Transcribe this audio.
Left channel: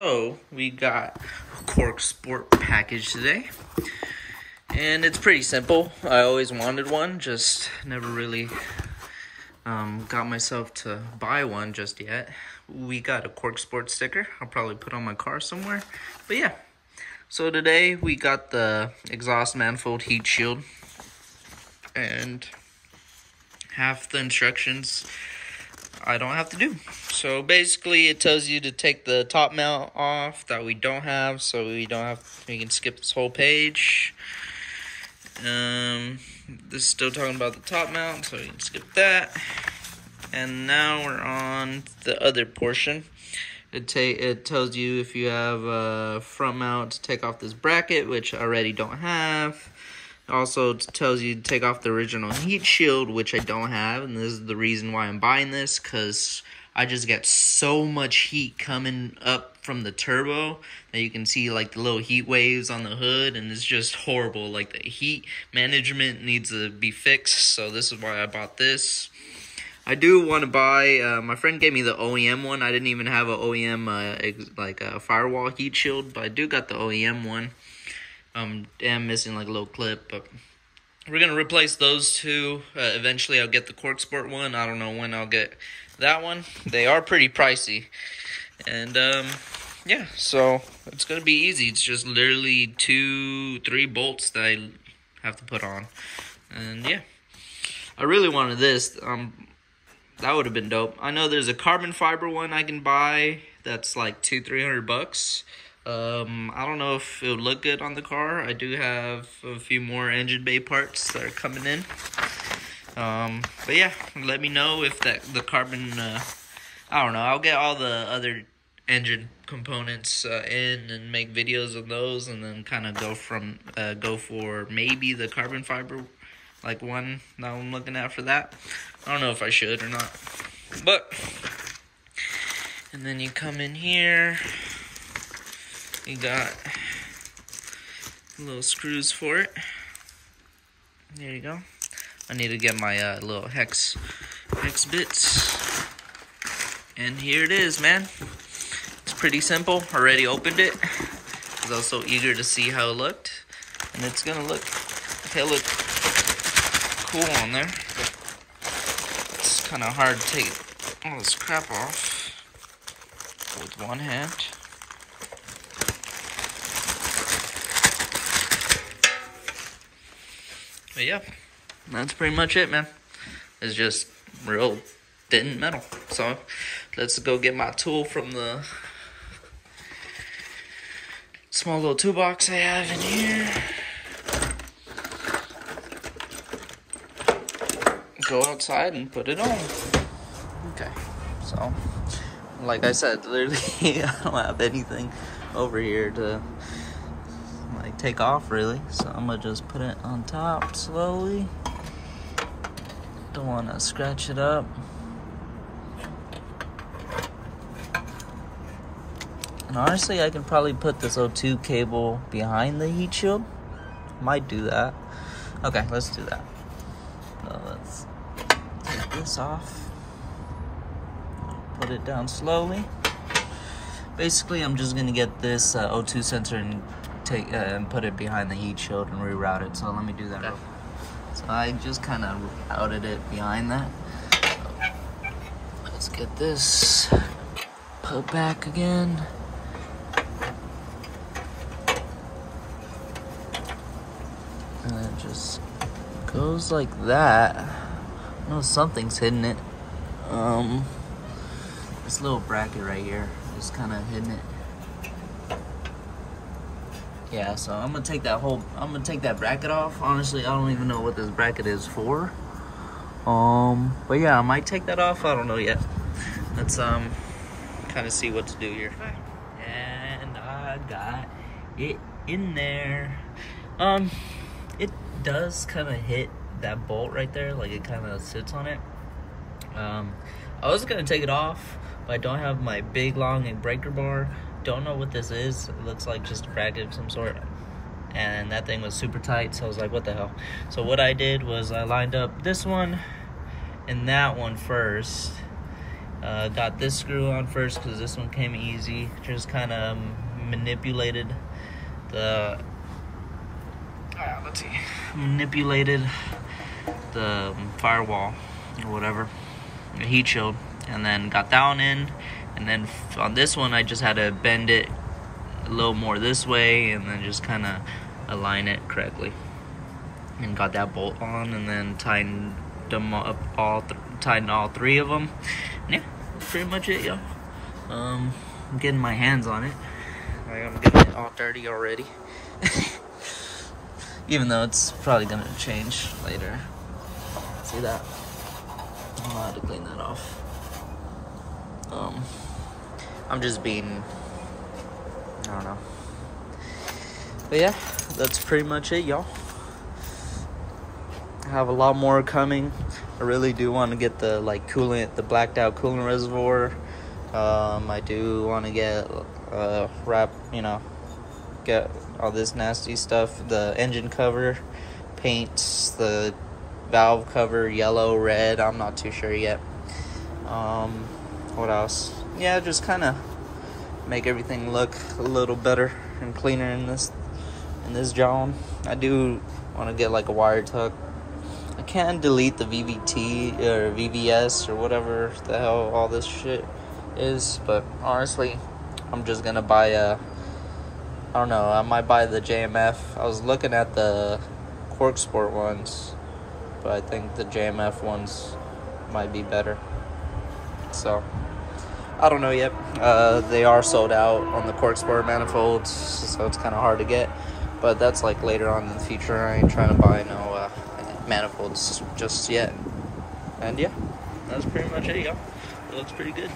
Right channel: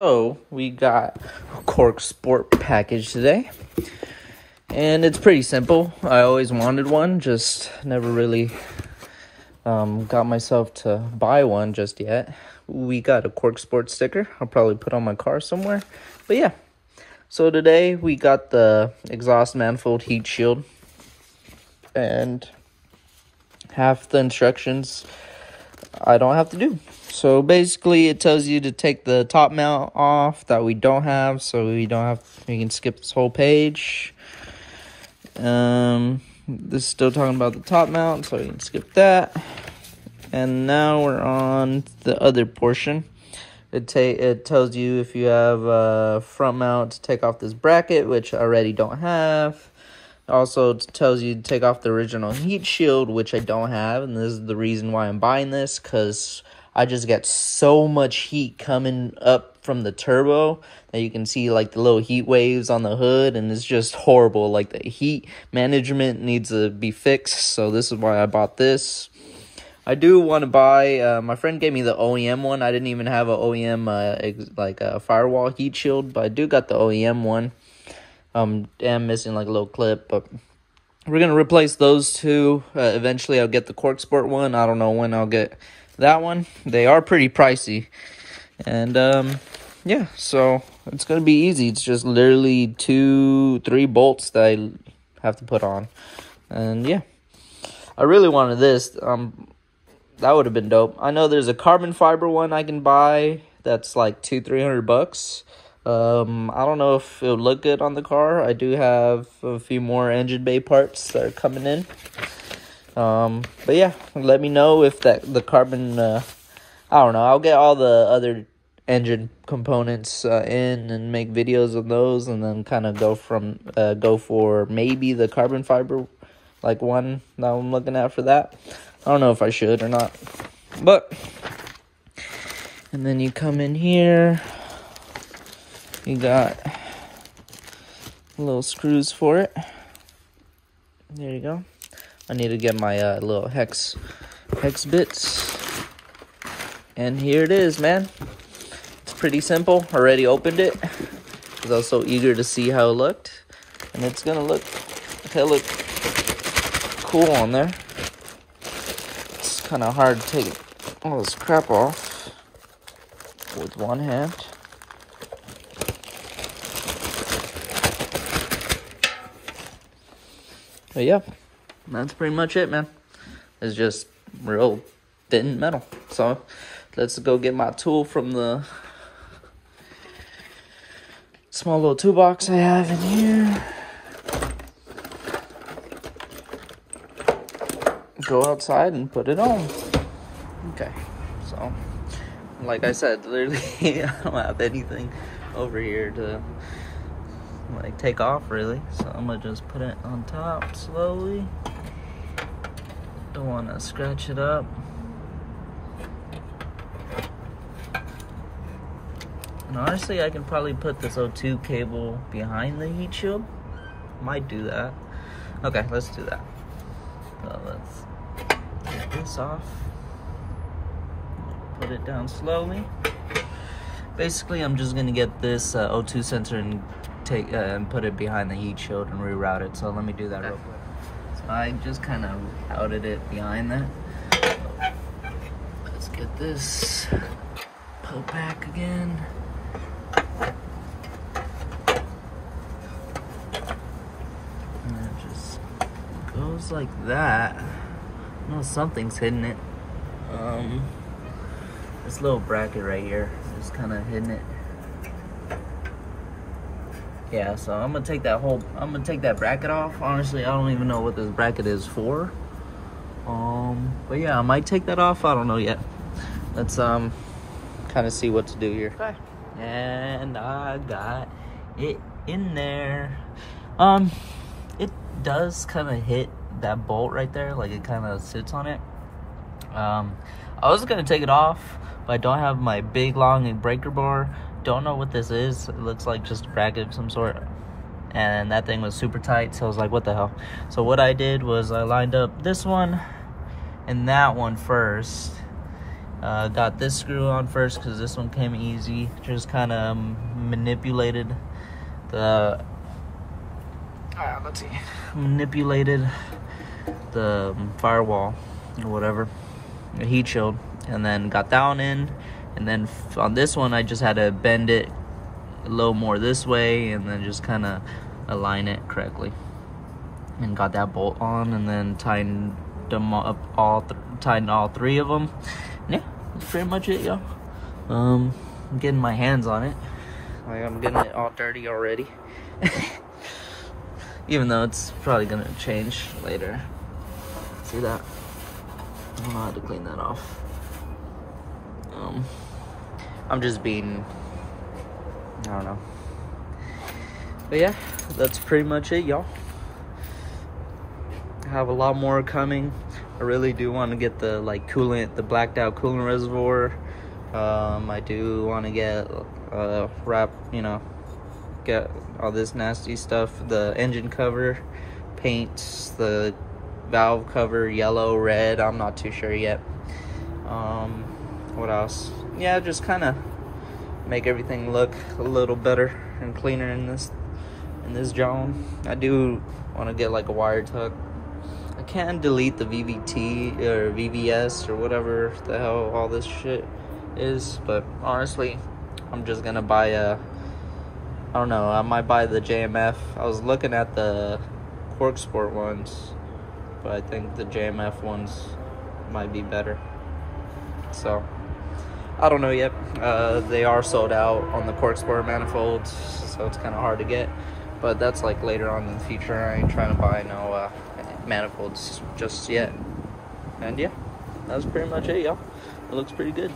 So we got a Corksport package today, and it's pretty simple. I always wanted one, just never really got myself to buy one just yet. We got a Corksport sticker. I'll probably put on my car somewhere, but yeah. So today we got the exhaust manifold heat shield, and half the instructions I don't have to do. So basically it tells you to take the top mount off that we don't have, so we can skip this whole page. This is still talking about the top mount, so you can skip that. And now we're on the other portion. It tells you if you have a front mount to take off this bracket, which I already don't have. Also, it tells you to take off the original heat shield, which I don't have, and this is the reason why I'm buying this, because I just get so much heat coming up from the turbo that you can see like the little heat waves on the hood, and it's just horrible. Like, the heat management needs to be fixed, so this is why I bought this. I do want to buy, my friend gave me the OEM one. I didn't even have an OEM, like a firewall heat shield, but I do got the OEM one. I'm missing like a little clip, but we're going to replace those two. Eventually I'll get the Corksport one. I don't know when I'll get that one. They are pretty pricey. And, yeah, so it's going to be easy. It's just literally 2-3 bolts that I have to put on. And, yeah, I really wanted this. That would have been dope. I know there's a carbon fiber one I can buy that's like $200-300 bucks. I don't know if it'll look good on the car. I do have a few more engine bay parts that are coming in. But yeah, let me know if the carbon, I don't know. I'll get all the other engine components in and make videos of those, and then kind of go for maybe the carbon fiber, like one that I'm looking at for that. I don't know if I should or not, but, and then you come in here. You got little screws for it. There you go. I need to get my little hex bits. And here it is, man. It's pretty simple. Already opened it because I was so eager to see how it looked. And it's gonna look cool on there. It's kind of hard to take all this crap off with one hand. But yeah, that's pretty much it, man. It's just real thin metal. So let's go get my tool from the small little toolbox I have in here. Go outside and put it on. Okay, so like I said, literally I don't have anything over here to like take off really, so I'm gonna just put it on top slowly. Don't want to scratch it up. And honestly, I can probably put this O2 cable behind the heat shield. Might do that. Okay, let's do that. So let's take this off. Put it down slowly. Basically, I'm just gonna get this O2 sensor and put it behind the heat shield and reroute it. So let me do that real quick. So I just kind of routed it behind that. So let's get this put back again. And it just goes like that. I know something's hitting it. This little bracket right here is kind of hitting it. Yeah, so I'm gonna take that bracket off. Honestly, I don't even know what this bracket is for. But yeah, I might take that off. I don't know yet. Let's kind of see what to do here. And I got it in there. It does kind of hit that bolt right there, like it kind of sits on it. I was gonna take it off, but I don't have my big long breaker bar. Don't know what this is. It looks like just a bracket of some sort, and that thing was super tight, so I was like, what the hell? So what I did was I lined up this one and that one first, Got this screw on first because this one came easy. Just kind of manipulated the firewall or whatever, the heat shield, and then got that one in. And then on this one, I just had to bend it a little more this way, and then just kind of align it correctly. And got that bolt on, and then tightened them up tightened all three of them. Yeah, that's pretty much it, y'all. I'm getting my hands on it. Like, I'm getting it all dirty already. Even though it's probably gonna change later. See that? I don't know how to clean that off. I'm just being, I don't know. But yeah, that's pretty much it, y'all. I have a lot more coming. I really do want to get the coolant, the blacked out coolant reservoir. I do want to get get all this nasty stuff, the engine cover, paints, the valve cover, yellow, red, I'm not too sure yet. What else? Yeah, just kind of make everything look a little better and cleaner in this John. I do want to get like a wire tuck. I can delete the VVT or VVS or whatever the hell all this shit is, but honestly, I'm just gonna buy I don't know, I might buy the JMF. I was looking at the Corksport ones, but I think the JMF ones might be better. So, I don't know yet. They are sold out on the Corksport manifolds, so it's kind of hard to get. But that's like later on in the future. I ain't trying to buy no manifolds just yet. And yeah, that's pretty much it, y'all. It looks pretty good.